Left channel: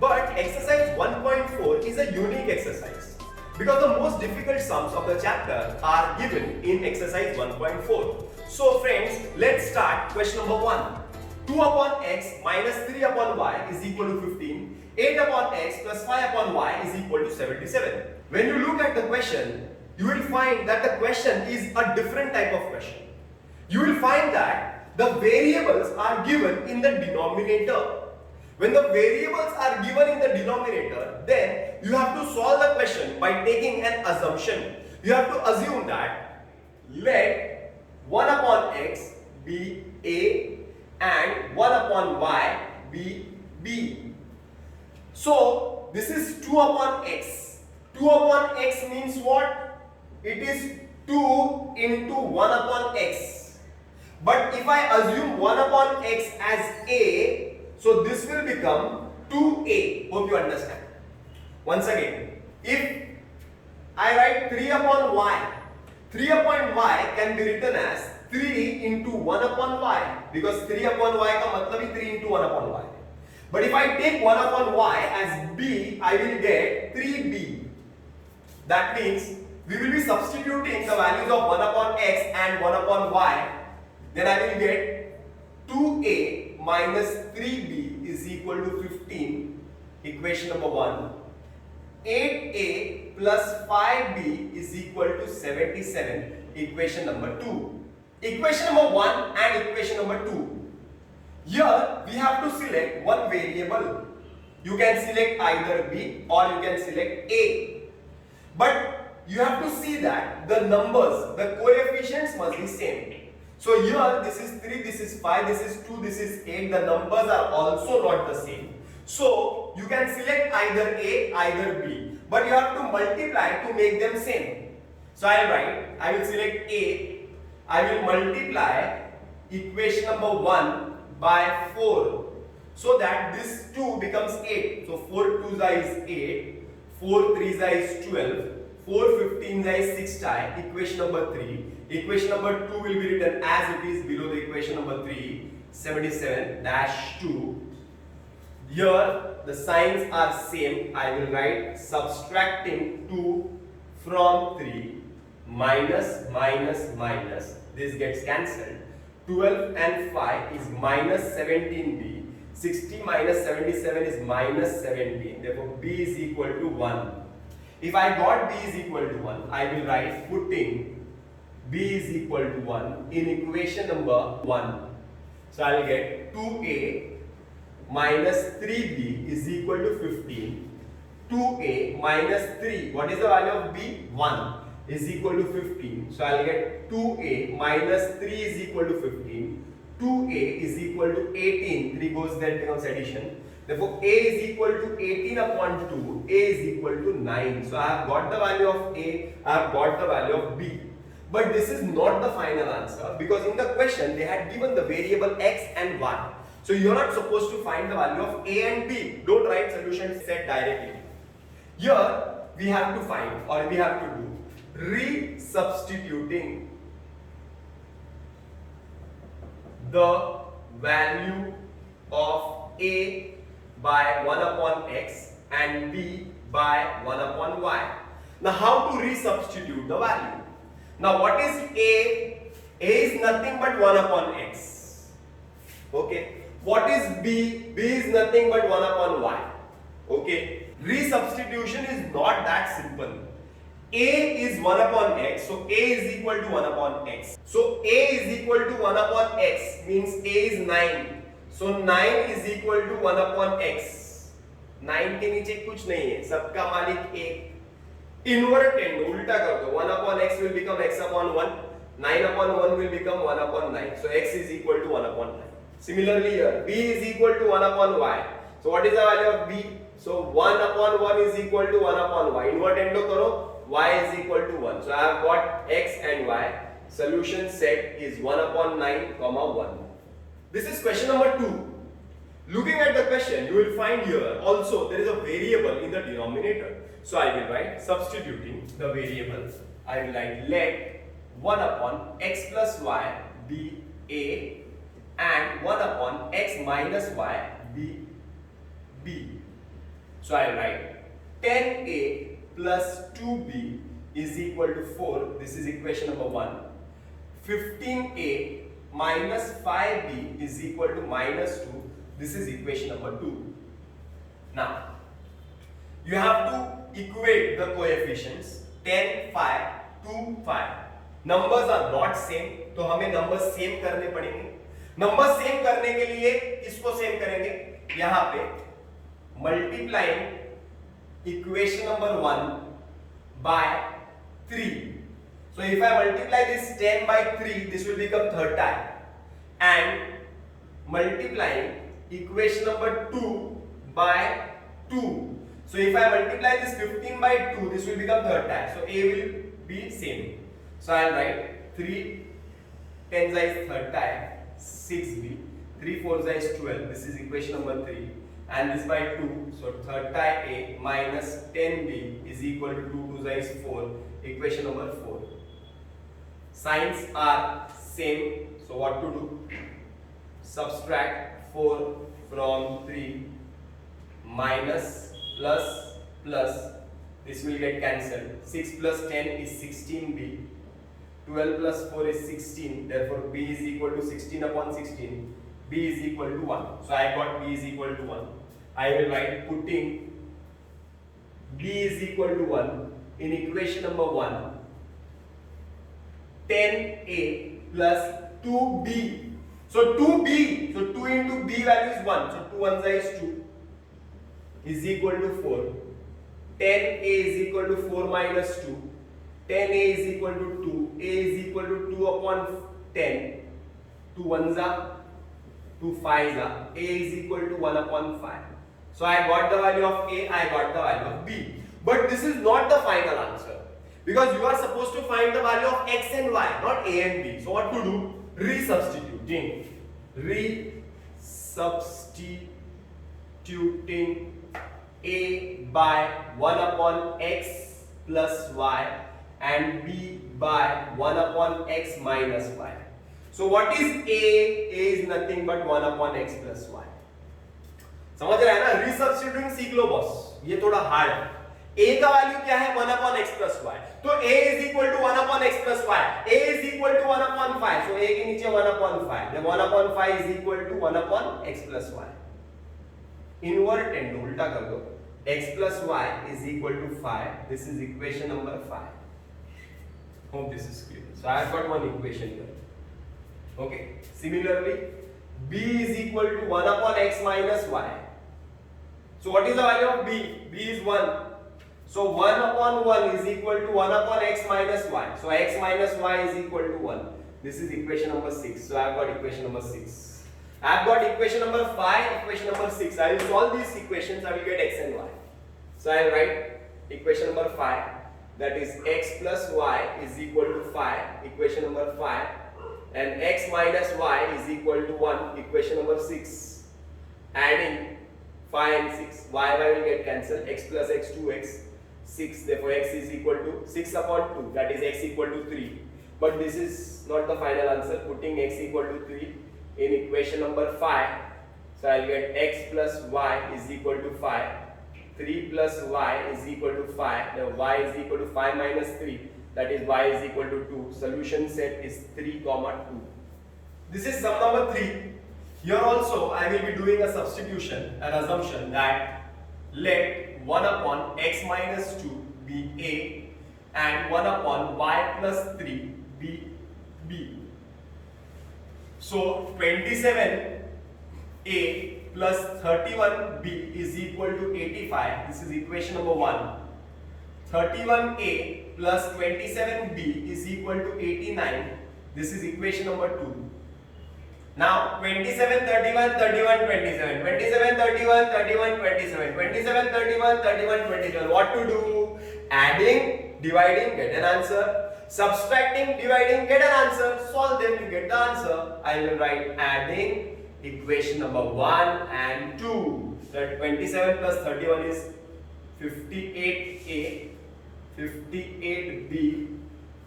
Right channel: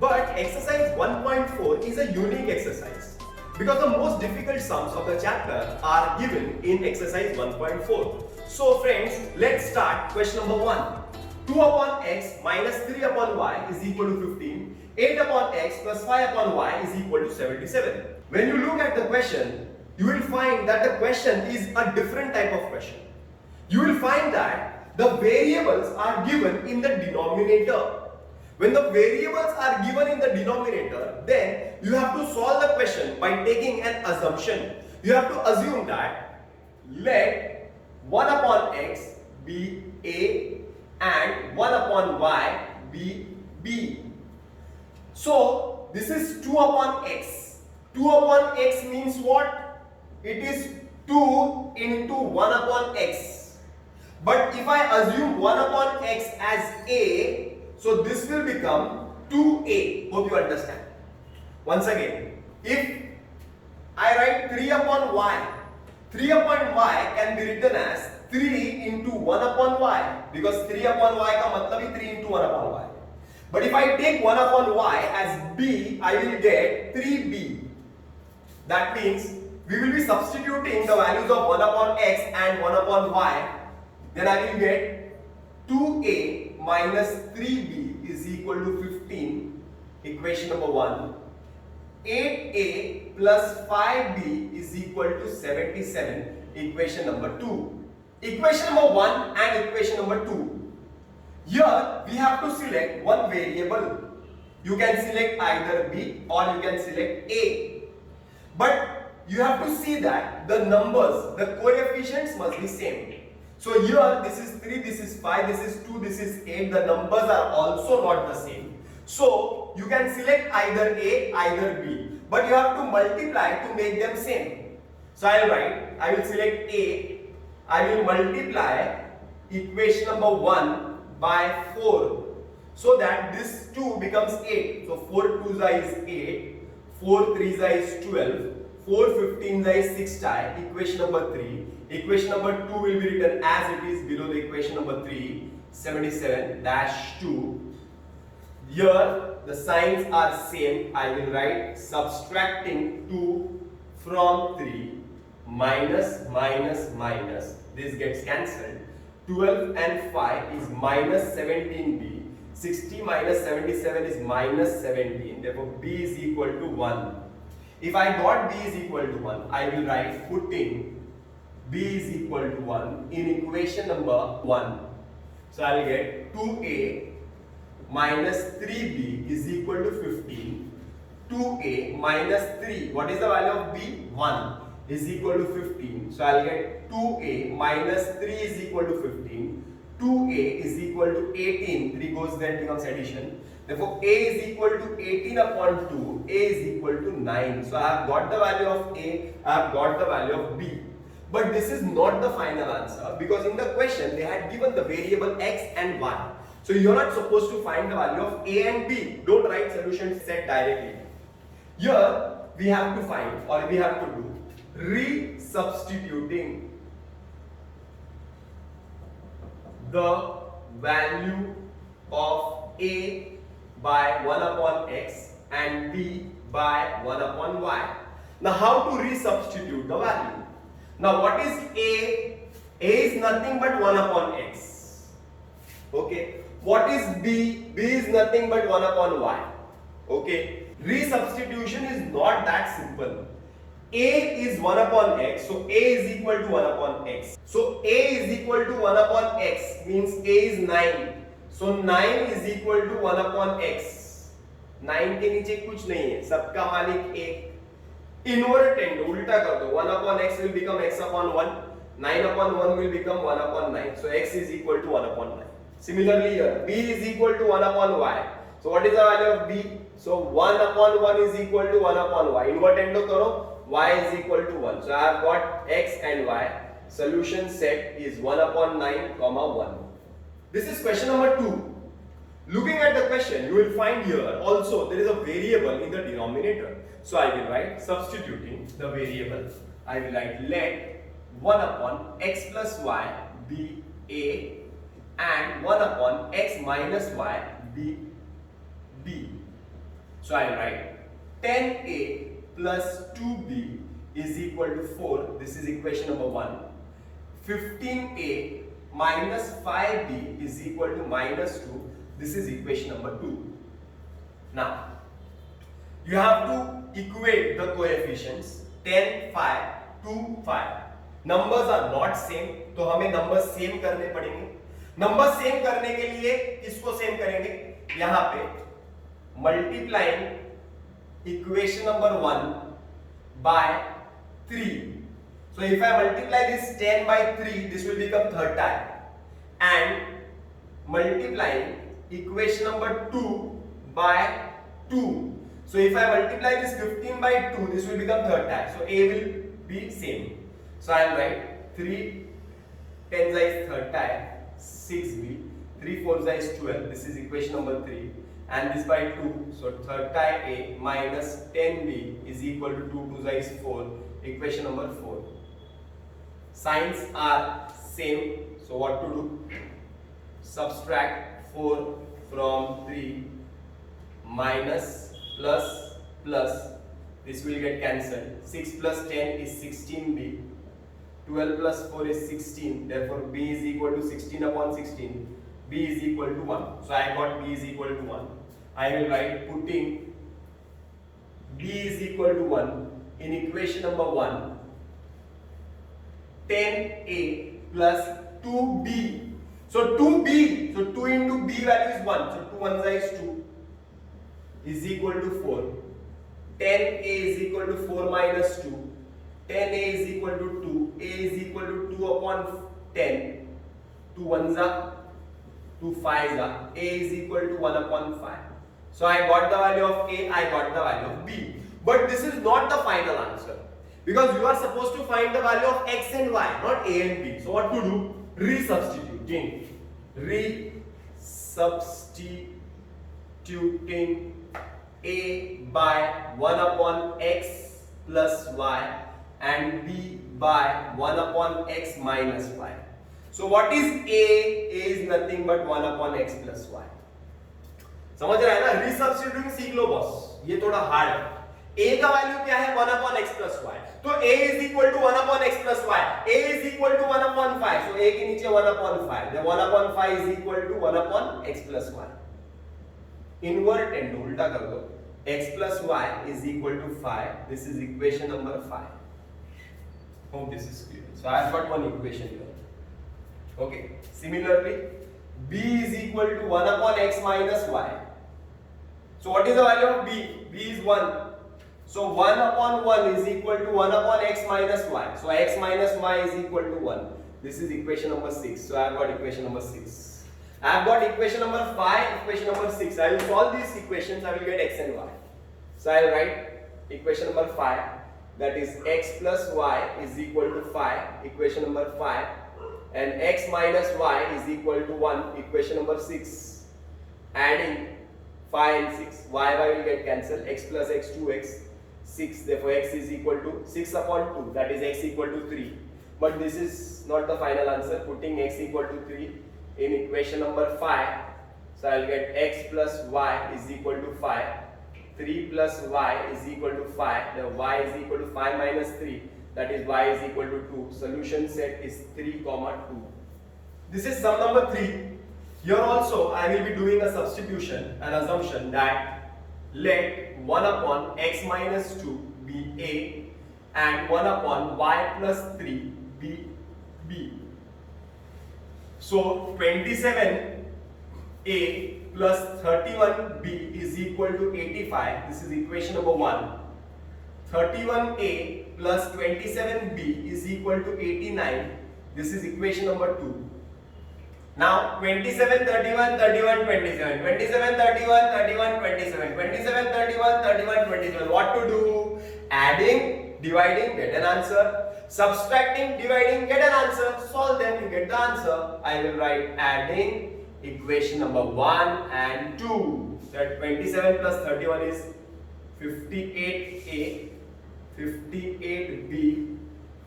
But exercise 1.4 is a unique exercise because the most difficult sums of the chapter are given in exercise 1.4. So friends, let's start question number 1. 2 upon x minus 3 upon y is equal to 15. 8 upon x plus 5 upon y is equal to 77. When you look at the question, you will find that the question is a different type of question. You will find that the variables are given in the denominator. When the variables are given in the denominator, then you have to solve the question by taking an assumption. You have to assume that let 1 upon x be a and 1 upon y be b. So this is 2 upon x. 2 upon x means what? It is 2 into 1 upon x. But if I assume 1 upon x as a, so this will become 2a. Hope you understand. Once again, if I write 3 upon y, 3 upon y can be written as 3 into 1 upon y, because 3 upon y का मतलब ही 3 into 1 upon y. But if I take 1 upon y as b, I will get 3b. That means we will be substituting the values of 1 upon x and 1 upon y. Then I will get 2a minus 3b is equal to 15, equation number 1. 8a plus 5b is equal to 77, equation number 2. Equation number 1 and equation number 2. Here we have to select one variable. You can select either b or you can select a. But you have to see that the numbers, the coefficients must be same. So here this is 3, this is 5, this is 2, this is 8. The numbers are also not the same. So you can select either A, either B. But you have to multiply to make them same. So I will select A. I will multiply equation number 1 by 4. So that this 2 becomes 8. So 4 2s is 8. 4 3s is 12. 4 15s is 6 tie. Equation number 3. Equation number 2 will be written as it is below the equation number 3, 77-2. Here the signs are same. I will write subtracting 2 from 3, minus, minus, minus. This gets cancelled. 12 and 5 is minus 17b. 60 minus 77 is minus 17. Therefore b is equal to 1. If I got b is equal to 1, I will write putting b is equal to 1 in equation number 1. So I will get 2a minus 3b is equal to 15. 2a minus 3, what is the value of b? 1 is equal to 15. So I will get 2a minus 3 is equal to 15. 2a is equal to 18. 3 goes there, becomes addition. Therefore, a is equal to 18 upon 2. A is equal to 9. So I have got the value of a, I have got the value of b. But this is not the final answer, because in the question they had given the variable x and y. So you are not supposed to find the value of a and b. Don't write solution set directly. Here we have to find, or we have to do resubstituting the value of a by 1 upon x and b by 1 upon y. Now how to resubstitute the value? Now what is a? A is nothing but 1 upon x. Okay. What is b? B is nothing but 1 upon y. Okay. Resubstitution is not that simple. A is 1 upon x, so a is equal to 1 upon x. So a is equal to 1 upon x means a is 9. So 9 is equal to 1 upon x. 9 के नीचे कुछ नहीं है, सबका मालिक एक. Inverted टेंडो उल्टा कर दो, 1 upon x will become x upon 1, 9 upon 1 will become 1 upon 9. So x is equal to 1 upon 9. Similarly here, b is equal to 1 upon y. So what is the value of b? So 1 upon 1 is equal to 1 upon y. Invert endo karo, y is equal to 1. So I have got x and y. Solution set is 1 upon 9, comma 1. This is question number 2. Looking at the question, you will find here also there is a variable in the denominator. So I will write substituting the variables. I will write let 1 upon x plus y be a and 1 upon x minus y be b. So I write 10a plus 2b is equal to 4. This is equation number 1. 15a minus 5b is equal to minus 2. This is equation number 2. Now, you have to equate the coefficients 10, 5, 2, 5. Numbers are not same, तो हमें numbers same करने पड़ेंगे. Numbers same करने के लिए किसको same करेंगे? यहाँ पे multiplying equation number 1 by 3. So if I multiply this 10 by 3, this will become third time. And multiplying equation number 2 by 2. So if I multiply this 15 by 2, this will become third time. So A will be same. So I will write 3 10 is third time, 6b, 3 4 is 12. This is equation number 3. And this by 2. So third time A minus 10b is equal to 2 2 is 4. Equation number 4. Signs are same. So what to do? Subtract 4 from 3. Minus plus plus, this will get cancelled. 6 plus 10 is 16b. 12 plus 4 is 16. Therefore b is equal to 16 upon 16. B is equal to 1. So I got b is equal to 1. I will write putting b is equal to 1 in equation number 1. 10a plus 2b. So 2b. So 2 into b value is 1. So 2 1 is 2. Is equal to 4. 10a is equal to 4 minus 2. 10a is equal to 2. A is equal to 2 upon 10. 2 1s are 2 5s are. A is equal to 1 upon 5. So I got the value of A, I got the value of B. But this is not the final answer. Because you are supposed to find the value of X and Y, not A and B. So what to do? Resubstituting. Resubstituting A by 1 upon X plus Y and B by 1 upon X minus Y. So what is A? A is nothing but 1 upon X plus Y. समझ रहे हैं ना? Resubstituting सीख लो boss, ये थोड़ा hard है. A का value क्या है? 1 upon X plus Y. तो A is equal to 1 upon X plus Y. A is equal to 1 upon 5. So A के नीचे 1 upon 5. Then 1 upon 5 is equal to 1 upon X plus Y. Inverted, उल्टा कर दो. X plus Y is equal to 5. This is equation number 5. Hope this is clear. So I have got one equation here. Okay. Similarly, B is equal to 1 upon X minus Y. So what is the value of B? B is 1. So 1 upon 1 is equal to 1 upon X minus Y. So X minus Y is equal to 1. This is equation number 6. So I have got equation number 6. I have got equation number 5, equation number 6. I will solve these equations. I will get X and Y. So I will write equation number 5. That is X plus Y is equal to 5. Equation number 5. And X minus Y is equal to 1. Equation number 6. Adding 5 and 6. Y will get cancelled. X plus X 2X. 6. Therefore X is equal to 6 upon 2. That is X equal to 3. But this is not the final answer. Putting X equal to 3 in equation number 5. So I will get X plus Y is equal to 5. 3 plus Y is equal to 5. Then Y is equal to 5 minus 3. That is Y is equal to 2. Solution set is 3, 2. This is sum number 3. Here also I will be doing a substitution, an assumption that let 1 upon X minus 2 be A and 1 upon Y plus 3 be B. So 27A plus 31B is equal to 85. This is equation number 1. 31A plus 27B is equal to 89. This is equation number 2. Now 27, 31, 31, 27. 27, 31, 31, 27. 27, 31, 31, 27. What to do? Adding, dividing, get an answer. Subtracting, dividing, get an answer. Solve them, you get the answer. I will write adding equation number 1 and 2. That 27 plus 31 is 58A, 58B.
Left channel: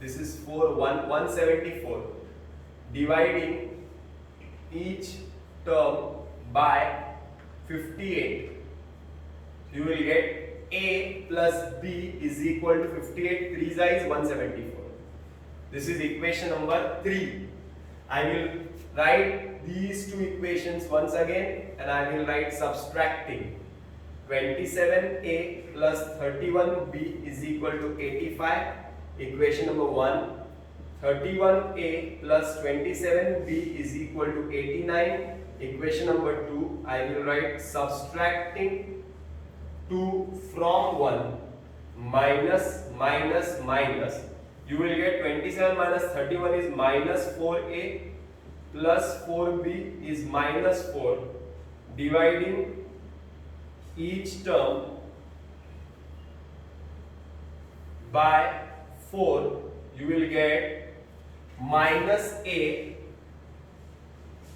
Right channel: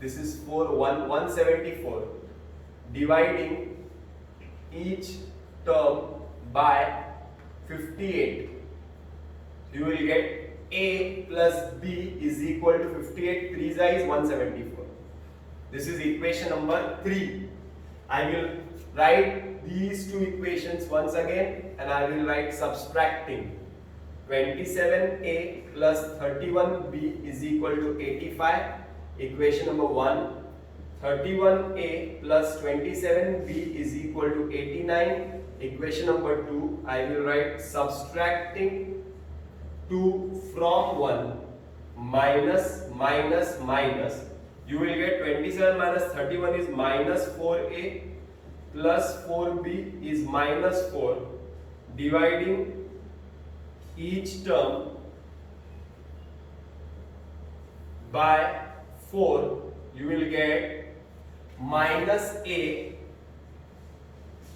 This is 174. Dividing each term by 58. You will get A plus B is equal to 58, 3 is 174. This is equation number 3. I will write these two equations once again and I will write subtracting 27A plus 31B is equal to 85. Equation number 1. 31A plus 27B is equal to 89. Equation number 2. I will write subtracting 2 from 1 minus minus minus. You will get 27 minus 31 is minus 4A plus 4B is minus 4. Dividing each term by 4, you will get minus A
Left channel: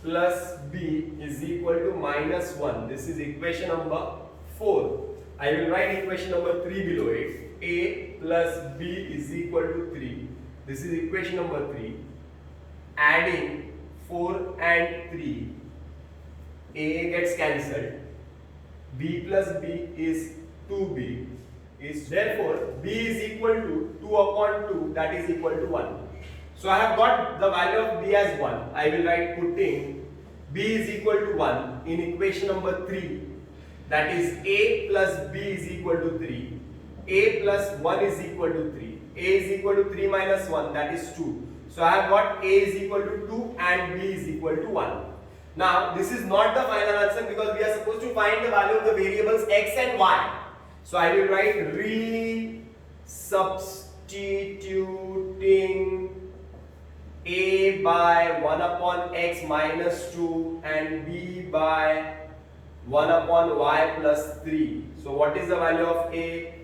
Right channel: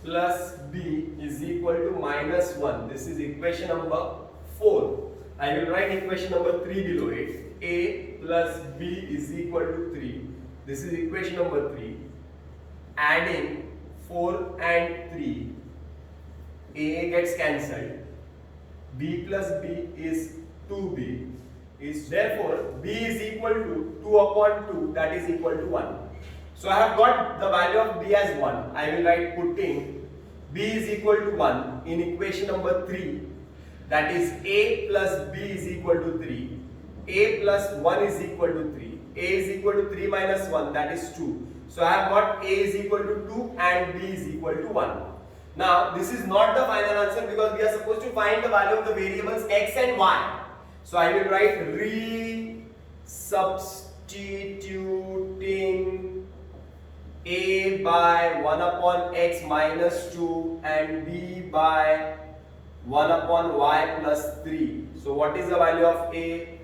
plus B is equal to minus 1. This is equation number 4. I will write equation number 3 below it. A plus B is equal to 3. This is equation number 3. Adding 4 and 3, A gets cancelled. B plus B is 2B. Is therefore B is equal to 2 upon 2, that is equal to 1. So I have got the value of B as 1. I will write putting B is equal to 1 in equation number 3. That is A plus B is equal to 3. A plus 1 is equal to 3. A is equal to 3 minus 1, that is 2. So I have got A is equal to 2 and B is equal to 1. Now this is not the final answer because we are supposed to find the value of the variables x and y. So I will write re-substituting A by 1 upon x minus 2 and B by 1 upon y plus 3. So what is the value of A?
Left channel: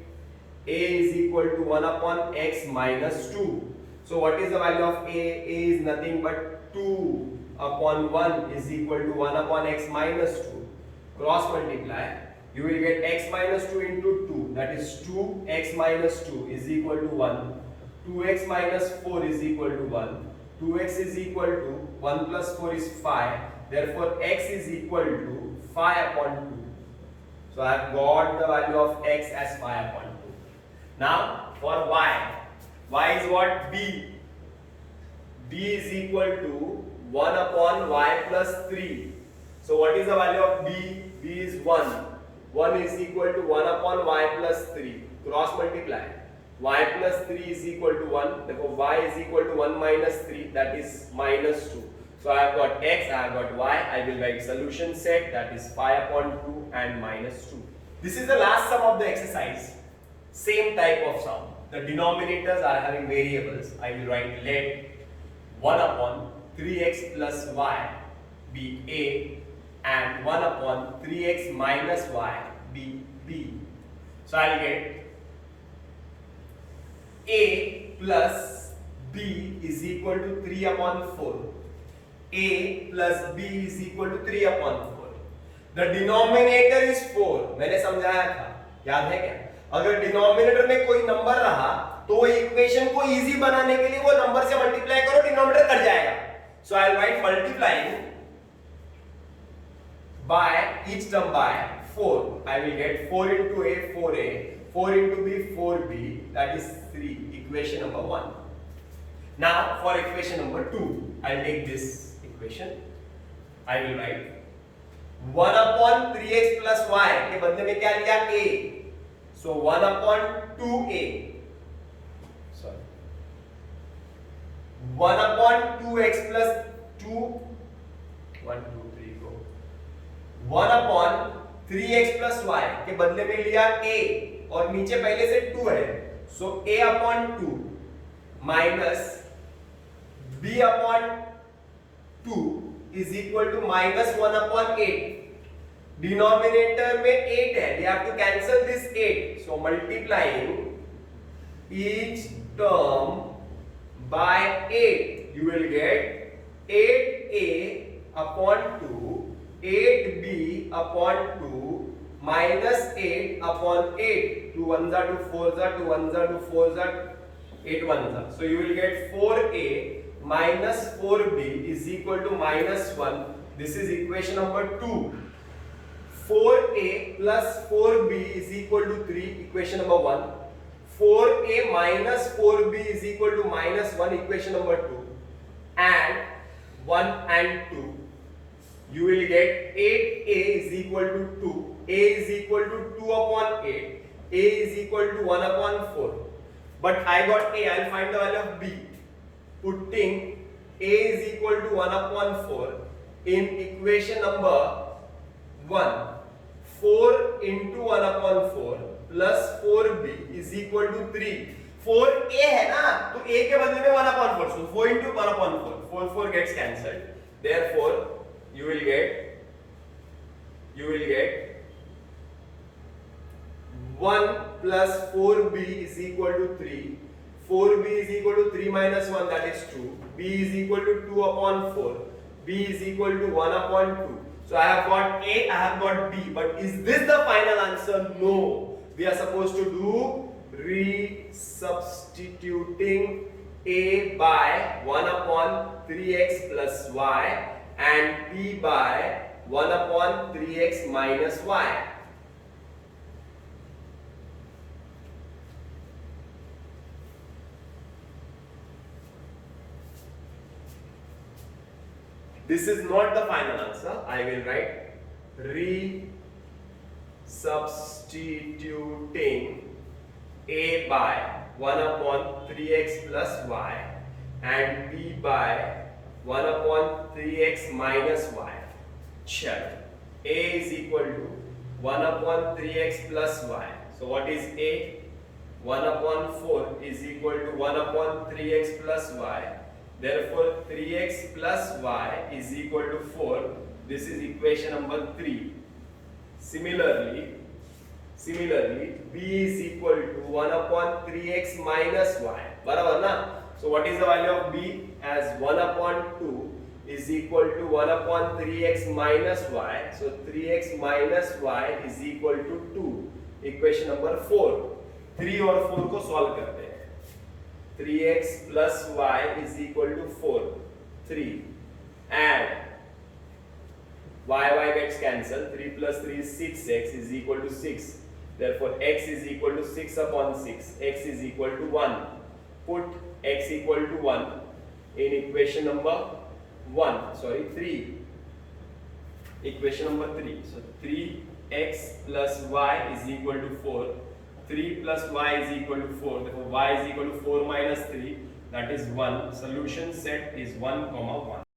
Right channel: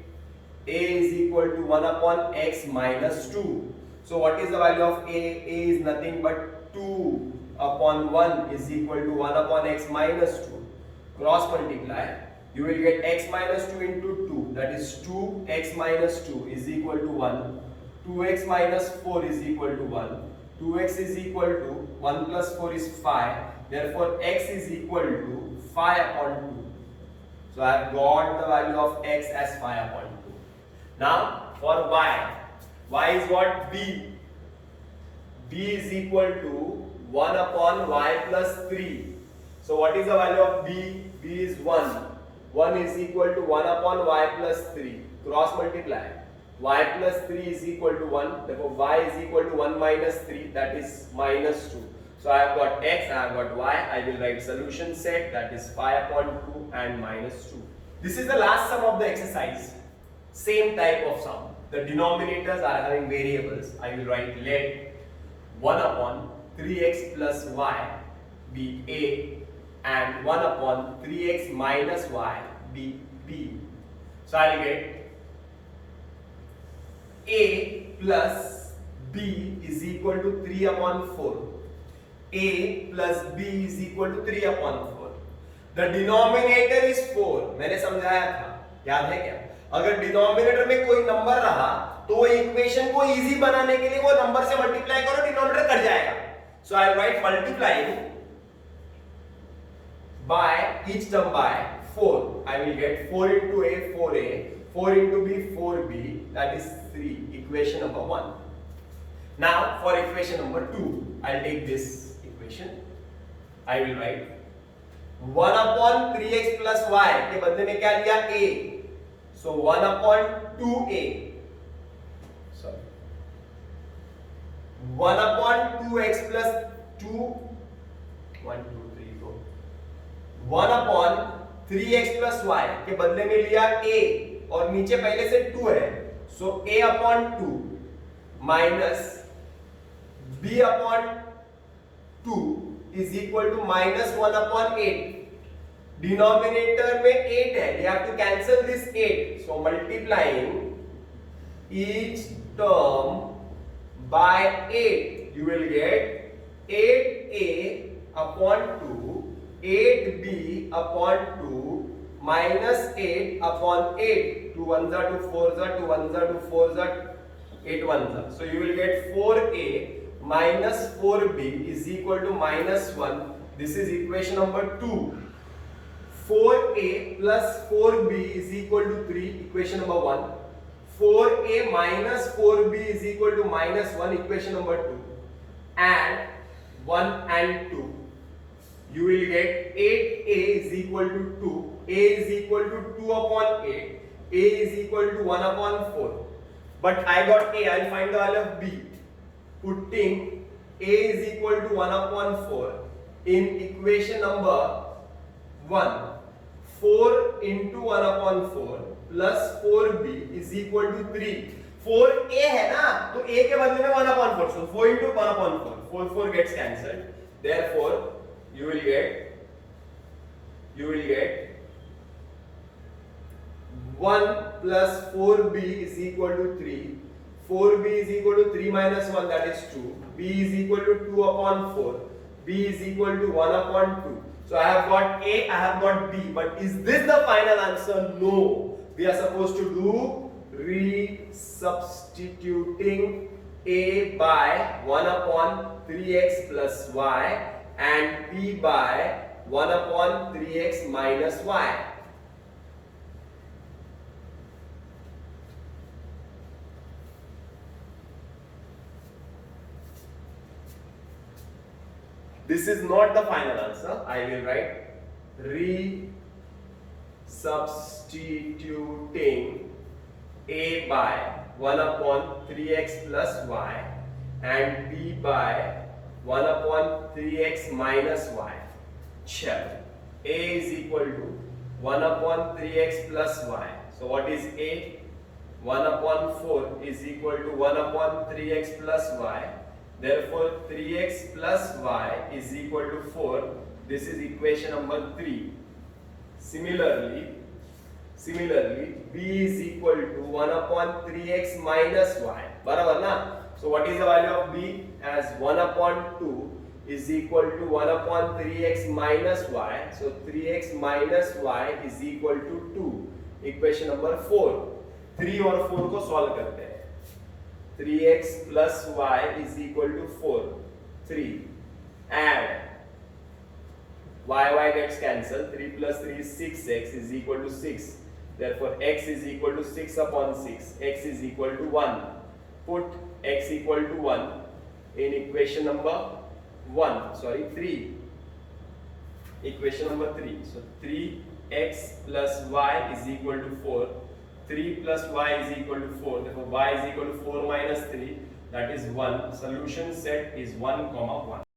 A is equal to 1 upon x minus 2. So what is the value of A? A is nothing but 2 upon 1 is equal to 1 upon x minus 2. Cross multiply. You will get x minus 2 into 2, that is 2x minus 2 is equal to 1. 2x minus 4 is equal to 1. 2x is equal to 1 plus 4 is 5. Therefore x is equal to 5 upon 2. So I have got the value of x as 5 upon 2. Now for y. Y is what? B. B is equal to 1 upon y plus 3. So what is the value of B? B is 1. 1 is equal to 1 upon y plus 3. Cross multiply. Y plus 3 is equal to 1. Therefore y is equal to 1 minus 3, that is minus 2. So I have got x, I have got y. I will write solution set, that is 5 upon 2 and minus 2. This is the last sum of the exercise. Same type of sum. The denominators are having variables. I will write let 1 upon 3x plus y be A and 1 upon 3x minus y be B. So I will get A plus B is equal to 3 upon 4. A plus B is equal to 3 upon 4. The denominator is 4. मैंने समझाया था, याद है क्या? अगर denominator में कोई number रहा तो वो इक्वेशन को इजी बनाने के लिए वो नंबर से मल्टीप्लाई करो, डिनोमिनेटर कट जाएगा. So I'll write multiplying by each term by 4. I will get 4 into A, 4A, 4 into B, 4B, that is 3. Equation number 1. Now for equation number 2, I'll take this equation. I will write 1 upon 3x plus y के बदले में क्या लिया? A. So 1 upon 2A. Sorry. 1 upon 2x plus 2. 1, 2, 3, go. 1 upon 3x plus y के बदले में लिया A और नीचे पहले से 2 है. So A upon 2 minus B upon 2 is equal to minus 1 upon 8. Denominator में 8 है. We have to cancel this 8. So multiplying each term by 8, you will get 8A upon 2, 8B upon 2 minus 8 upon 8. 2 1s are 2 4s are 2 1s are 2 4s are 8 1s are. So you will get 4A minus 4B is equal to minus 1. This is equation number 2. 4a plus 4b is equal to 3, equation number 1. 4a minus 4b is equal to minus 1, equation number 2. And 1 and 2. You will get 8a is equal to 2. A is equal to 2 upon 8. A is equal to 1 upon 4. But I got a, I'll find the value of b. Putting a is equal to 1 upon 4 in equation number 1. 4 into 1 upon 4 plus 4b is equal to 3. 4a है ना, तो a के बदले में 1 upon 4. So 4 into 1 upon 4. 4 gets cancelled. Therefore, you will get 1 plus 4b is equal to 3. 4b is equal to 3 minus 1, that is 2. b is equal to 2 upon 4. b is equal to 1 upon 2. So I have got a, I have got b. But is this the final answer? No. We are supposed to do resubstituting a by 1 upon 3x plus y and b by 1 upon 3x minus y. This is not the final answer. I will write resubstituting a by 1 upon 3x plus y and b by 1 upon 3x minus y. Chalo. A is equal to 1 upon 3x plus y. So what is a? 1 upon 4 is equal to 1 upon 3x plus y. Therefore, 3x plus y is equal to 4. This is equation number 3. Similarly, b is equal to 1 upon 3x minus y. Barabar na? So, what is the value of b? As 1 upon 2 is equal to 1 upon 3x minus y. So, 3x minus y is equal to 2. Equation number 4. 3 और 4 को solve करते हैं. 3x plus y is equal to 4. 3. And y gets cancelled. 3 plus 3 is 6x is equal to 6. Therefore, x is equal to 6 upon 6. X is equal to 1. Put x equal to 1 in equation number 3. Equation number 3. So, 3x plus y is equal to 4. 3 plus y is equal to 4. Therefore, y is equal to 4 minus 3. That is 1. Solution set is 1, 1.